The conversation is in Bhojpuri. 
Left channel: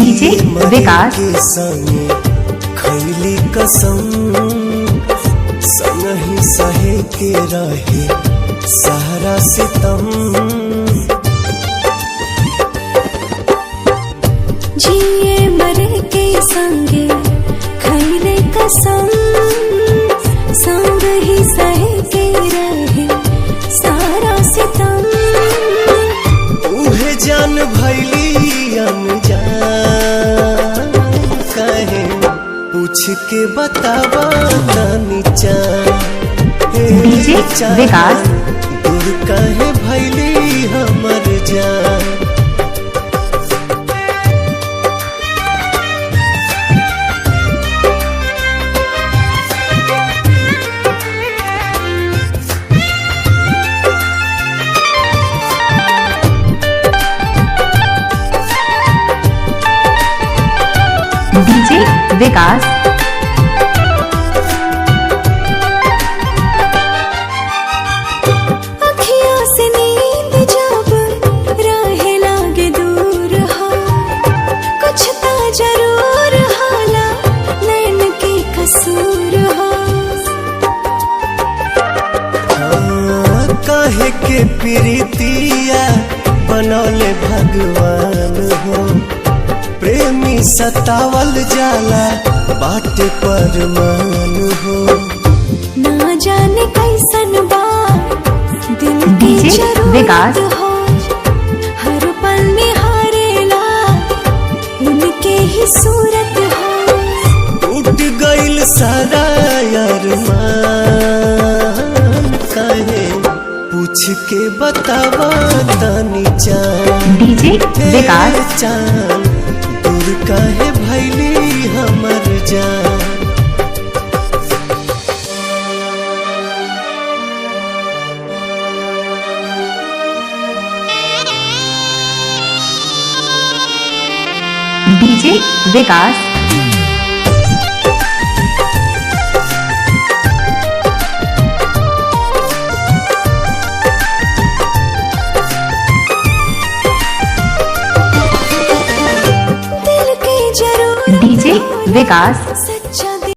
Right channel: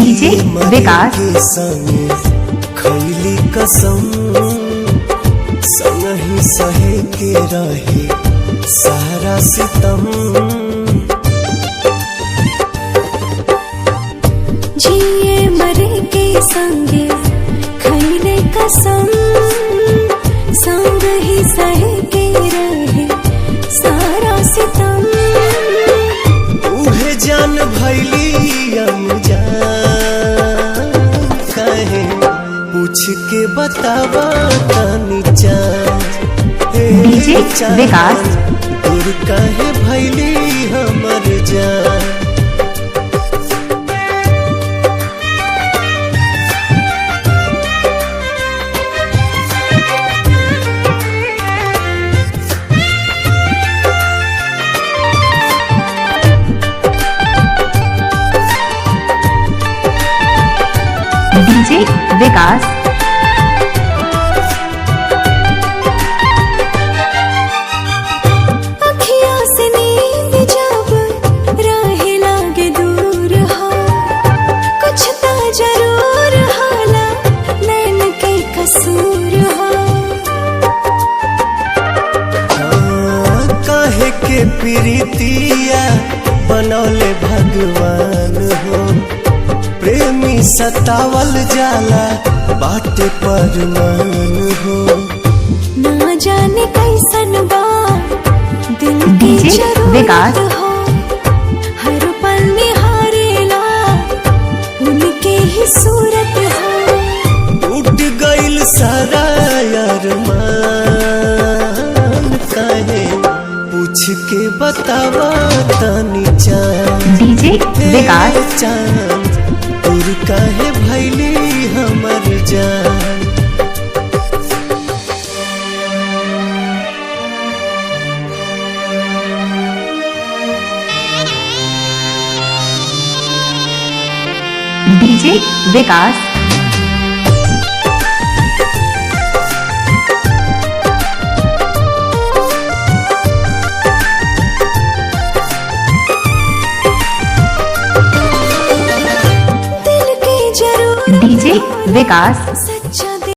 डीजे विकास के संगे खैली कसम संगही सहे के रहे सारा सितम। जिए मरे के संगे खैले कसम संग ही सहे के रहे सारा सितम। उहे जान भैली अनजान कहे पूछ के बतावा तनी चान। डीजे विकास दूर कहे भैली हमर जान। डीजे विकास अखियों से नींद जब राहे लागे दूर हो कुछ ता जरूर होला नैन के कसूर हो। काहे के प्रीतिया बनौले भगवान हो प्रेमी सतावल जाला बाटे परमान हो। ना जाने कैसन बा दिल की डीजे विकास जरूरत हो हर पल निहारेला उनके ही सूरत हो। टूट गइल सारा अरमान काहे पूछ के बतावा तनी चान। डीजे विकास चान दूर काहे भैली हमर जान। डीजे विकास दिल की जरूरत डीजे विकास